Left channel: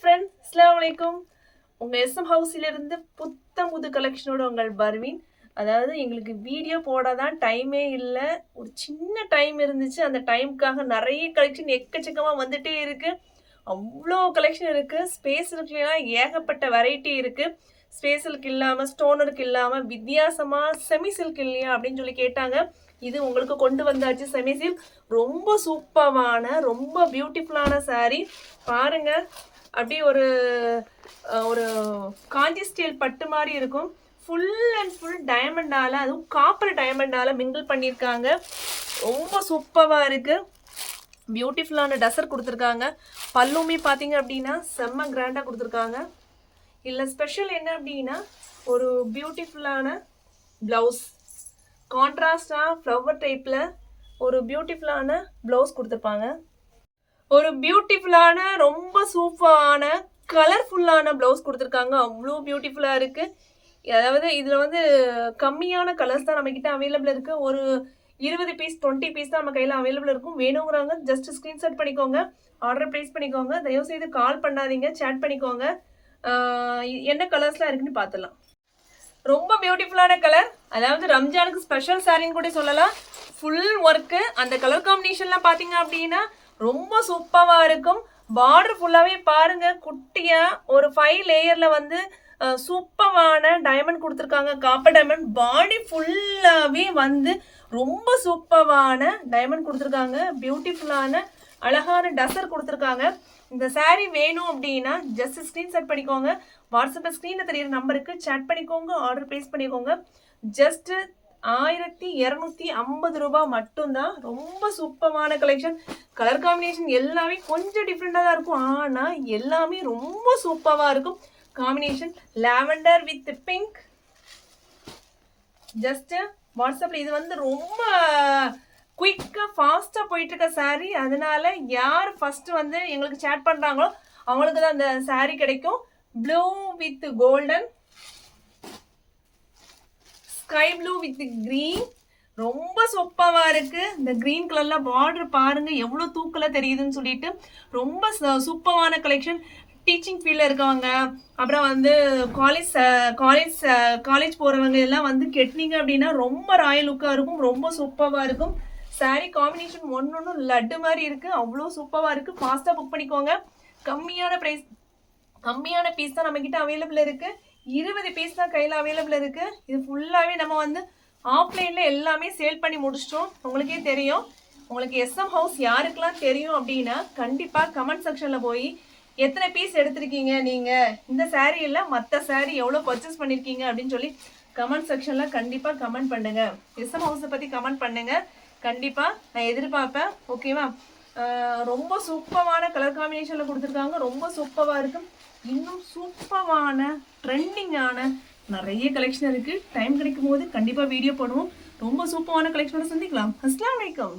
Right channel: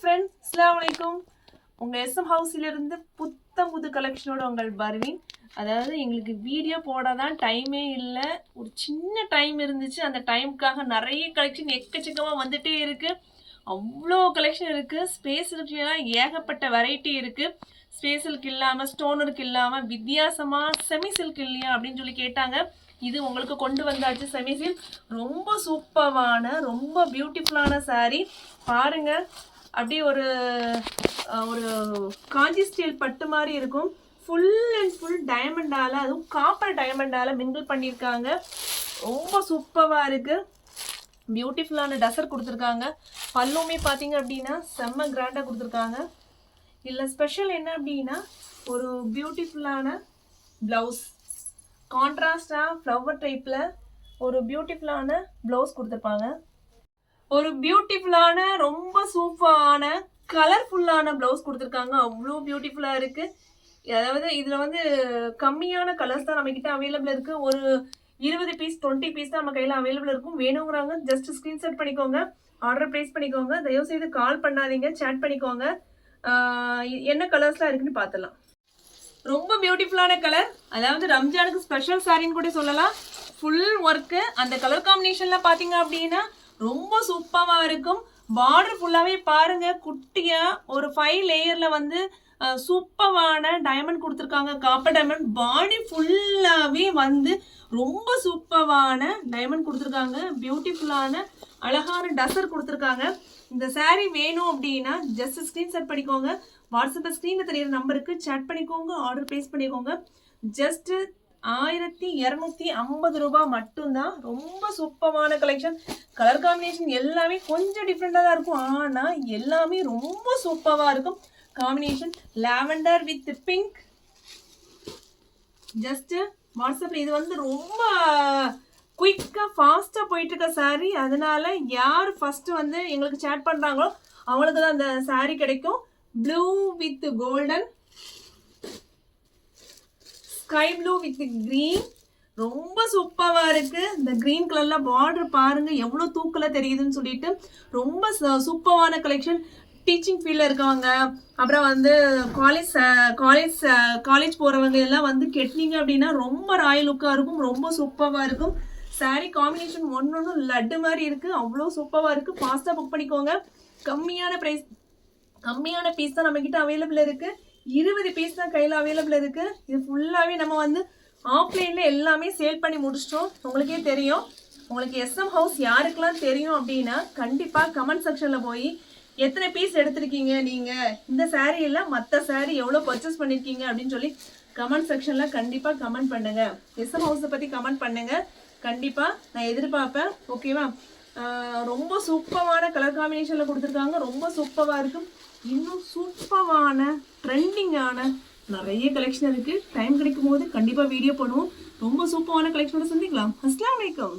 Friends, அஸ்ஸலாமு அலைக்கும். உங்கள் எஸ்எம் ஹவுஸிலிருந்து புத்தம் புது கலெக்ஷனோட உங்கள் பர்வீன். அதாவது எங்களுக்கு வீடியோ போடாதான் டைமே இல்லை. ஒரு சின்ன டைம் இருந்துச்சு. அந்த டைமுக்காக நிறைய கலெக்ஷன் எக்கச்சக்கமாக வந்துட்டே இருக்குது. அவ்வளோ கலெக்ஷன் இருக்குது. ஸ்பேஸ் இருக்குலாம் ஏகப்பட்ட வெரைட்டி இருக்குது. ஸ்பேஸ் சில்க் இல்லாமல், ஸ்டோனருக்கு இல்லாமல், வித்தியாசமாக செமி சில்க் இல்லையா அப்படின்னு சொல்லி கேட்டாங்க. இது உங்களுக்கு கொண்டு வந்தாச்சு. செமி சில்க் ரொம்ப சூப்பரான, ரொம்ப பியூட்டிஃபுல்லான சாரீ. பாருங்க, அப்படியே ஒரு ஒரு காஞ்சி ஸ்டீல் பட்டு மாதிரி இருக்கும். ஃபுல் அண்ட் ஃபுல் டைமண்டால, அதுவும் காப்பர் டைமண்டால மிங்கிள் பண்ணியிருக்காங்க. ரொம்ப சூப்பராக இருக்குது. பியூட்டிஃபுல்லான டசர் கொடுத்துருக்காங்க. பல்லுமே பார்த்தீங்க அப்படின்னா செம்ம கிராண்டாக கொடுத்துருக்காங்க. இல்லை ஸ்பெஷல் என்ன அப்படின்னா ஒரு பியூட்டிஃபுல்லான ப்ளவுஸ், கான்ட்ராஸ்டாக ஃப்ளவர் டைப்பில் ஒரு பியூட்டிஃபுல்லான ப்ளவுஸ் கொடுத்துருப்பாங்க. ஒரு பியூட்டிஃபுல்லான ரொம்ப சூப்பரான கலர்ஃபுல்லான ப்ளவுஸ் கொடுத்துருக்காங்க. அவ்வளோ பியூட்டிஃபுல்லாக இருக்குது. அதாவது இதில் வந்து கம்மியான கலர்ஸ் தான் நம்மக்கிட்ட அவைலபிள் இருக்குது. ஒரு 20 பீஸ் 20 பீஸ் தான் நம்ம கையில் அவைலபிள் இருக்கும். வேணுங்கிறவங்க ஜஸ்ட் ஸ்க்ரீன்ஷாட் பண்ணிக்கோங்க, ஆர்டர் ப்ளேஸ் பண்ணிக்கோங்க. தயவுசெய்து கால் பண்ணாதீங்க, சேட் பண்ணிக்கோங்க. என்ன கலர்ஸ்லாம் இருக்குன்னு பார்த்துடலாம். ரொம்ப பியூட்டிஃபுல்லான கலர், அதாவது ரம்ஜானுக்கு ஸ்பெஷல் சாரின்னு கூட சொல்லலாம். Full work. அந்த கலர் காம்பினேஷன்லாம் பார்த்தீங்க அப்படின்னா ரொம்ப சூப்பராக இருக்கும். பார்டர் ஃபுல்லாகவே பாருங்கள், குட்டியாக ஒரு 5 லேயரில் வந்து சூப்பரான டைமண்ட் கொடுத்துருக்காங்க. Copper diamond. பாடி ஃபுல்லாகவே வந்து ரொம்ப சூப்பரான டைமண்ட் கொடுத்துருக்காங்க. பியூட்டிஃபுல்லான அழகான டசர் கொடுத்துருக்காங்க. இந்த சாரீ வேணும் அப்படின்னா ஜஸ்ட் ஸ்க்ரீன்ஷாட் பண்ணிக்கோங்க. வாட்ஸ்அப்பில் ஸ்க்ரீனில் தெரியிற நம்பருக்கு சேட் பண்ணிக்கோங்க, ஆர்டர் ப்ளேஸ் பண்ணிக்கோங்க. ஜஸ்ட்டு 1250 ரூபா மட்டும்தான். ரொம்ப சூப்பரான கலெக்ஷன். கலர் காம்பினேஷன் எல்லாமே கொஞ்சம் டிஃப்ரெண்டாக தான் இருக்கும், ஆனால் எல்லாமே ரொம்ப சூப்பராக இருக்கும். Combination lavender with pink. Just வாட்ஸ்அப்பில் இது வந்து ரொம்ப குயிக்காக ஃபாஸ்ட்டாக போயிட்டுருக்க சாரீ. அதனால யார் ஃபஸ்ட்டு வந்து எங்களுக்கு சேட் பண்ணுறாங்களோ அவங்களுக்கு தான் அந்த சாரீ கிடைக்கும். Blue with golden, sky blue with green. ரொம்ப சூப்பராக இருக்குது. இந்த க்ரீன் கலரில் பார்டர் பாருங்கள் எவ்வளோ தூக்கில் தெரியுதுன்னு சொல்லிட்டு ரொம்ப சூப்பரான கலெக்ஷன். டீச்சிங் ஃபீல்டில் இருக்கவங்க, அப்புறம் வந்து காலேஜ் போகிறவங்க எல்லாம் வந்து கெட்டினீங்க அப்படின்னா ரொம்ப ராயல் லுக்காக இருக்கும். ரொம்ப சூப்பராக இருக்கும். சாரீ காம்பினேஷன் ஒன்று லட்டு மாதிரி இருக்குது. அவ்வளோ சூப்பராக இருக்குது. ஃபாஸ்ட்டாக புக் பண்ணிக்கோங்க. கம்மியான பீஸ் தான் நம்மக்கிட்ட அவைலபிள் இருக்குது. 20 பீஸ் தான் கையில் அவைலபிள் இருக்குது. இது ஃபுல்லாகவே நம்ம வந்து ஆஃப்லைனில் எல்லாமே சேல் பண்ணி முடிச்சிட்டோம். உங்களுக்கே தெரியும். உங்களுக்கு எஸ்எம் ஹவுஸ் யாருக்கெல்லாம் தெரியும் அப்படின்னா கண்டிப்பாக கமெண்ட் செக்ஷனில் போய் எத்தனை பீஸ் எடுத்திருக்கீங்க நீங்கள், இந்த சாரீ எல்லாம் மற்ற சாரீ எவ்வளோ பர்ச்சேஸ் பண்ணியிருக்கீங்க அப்படின்னு சொல்லி கமெண்ட் செக்ஷனில் கண்டிப்பாக கமெண்ட் பண்ணுங்கள். எஸ்எம் ஹவுஸை பற்றி கமெண்ட் பண்ணுங்கள். கண்டிப்பாக நான் எதிர்பார்ப்பேன். ஓகேவா? ரொம்ப சூப்பரான கலர் காம்பினேஷனில் கொடுத்துருக்காங்க. ரொம்ப சூப்பராக இருக்கும். இன்னும் சூப்பரான ட்ரெண்டிங்கான நிறைய கலெக்ஷன் இருக்குது. டைம் கிடைக்கும் போது கண்டிப்பாக வீடியோ பண்ணுவோம். ரொம்ப சூப்பரான கலெக்ஷனை சந்திக்கலாம். அஸ்ஸலாமு அலைக்கும்.